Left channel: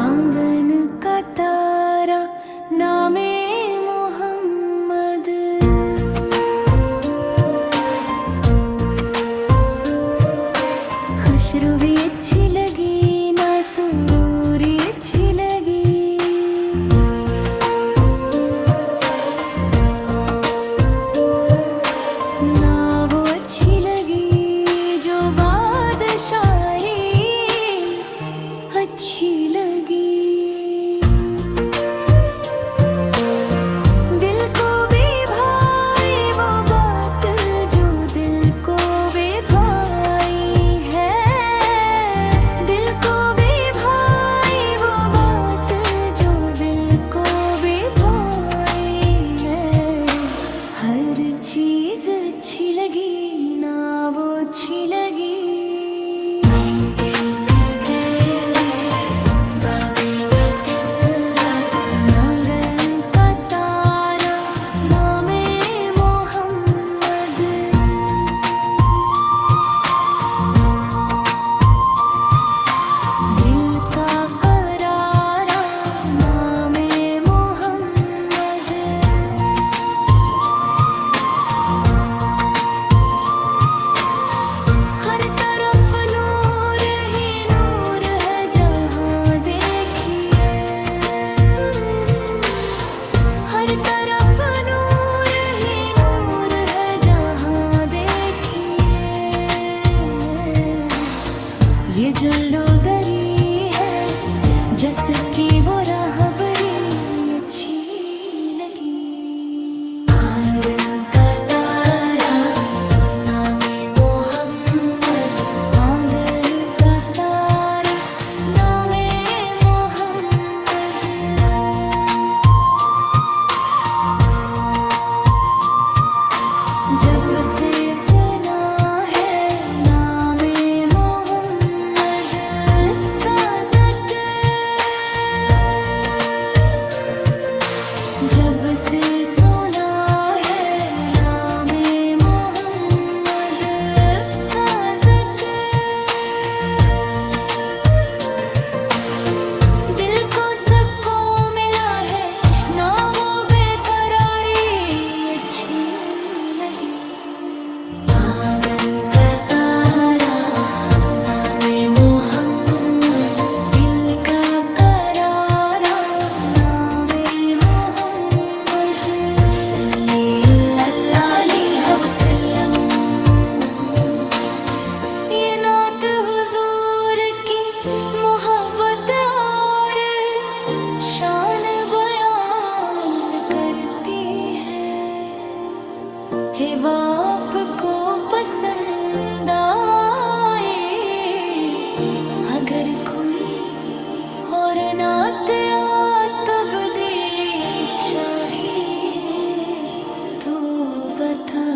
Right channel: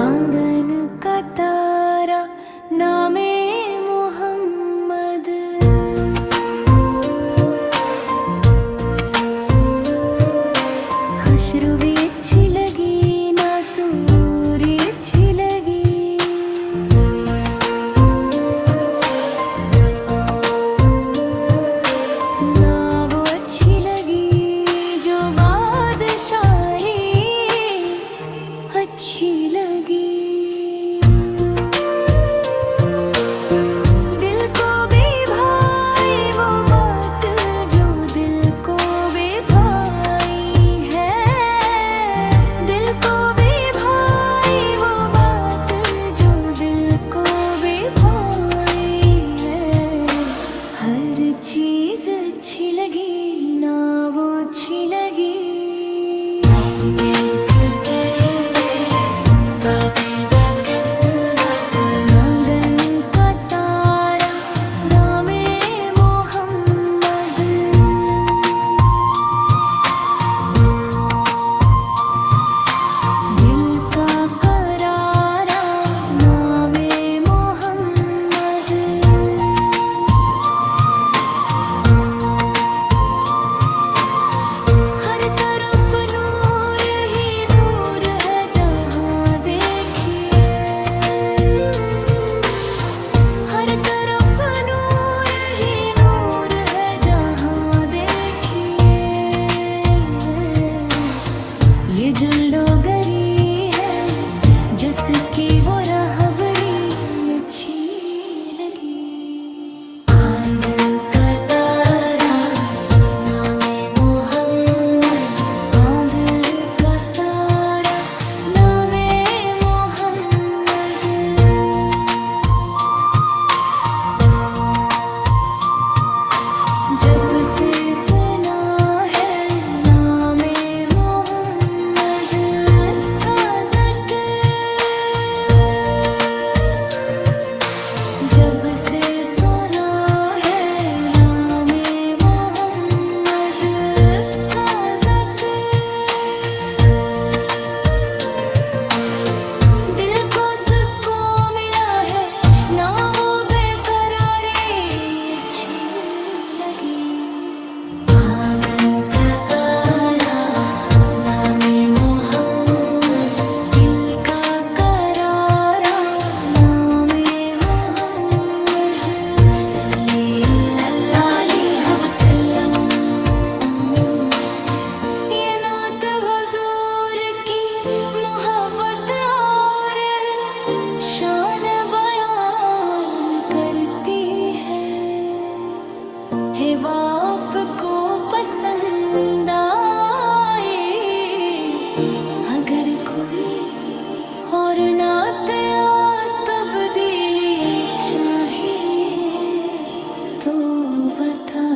आंगन का तारा नामे मोहम्मद, खुशरू भी अच्छी लगी ना सुरूरी अच्छी लगी, ना वो अच्छी लगी जो बादशाही अच्छी लगी। दिल को भी भाई वो बात जो दिल को भी भाई है, दिल को भी भाई वो बात जो दिल को भी भाई है। हर चीज अच्छी लगी ना वो अच्छी लगी। ये जो लोगरी है जसकी वो राहबरी अच्छी लगी। आंगन का तारा नामे मोहम्मद, आंगन का तारा नामे मोहम्मद। जब से सुना है नामे जब से सुना है नामे मोहम्मद का ज़िक्र, दिल को सुकून मिला है ना वो बेकरारी अच्छी लगी। शान बयान करती है वो आपको पसंद आए, अगर कोई और नात या तब्दीली चाहिए तो बता।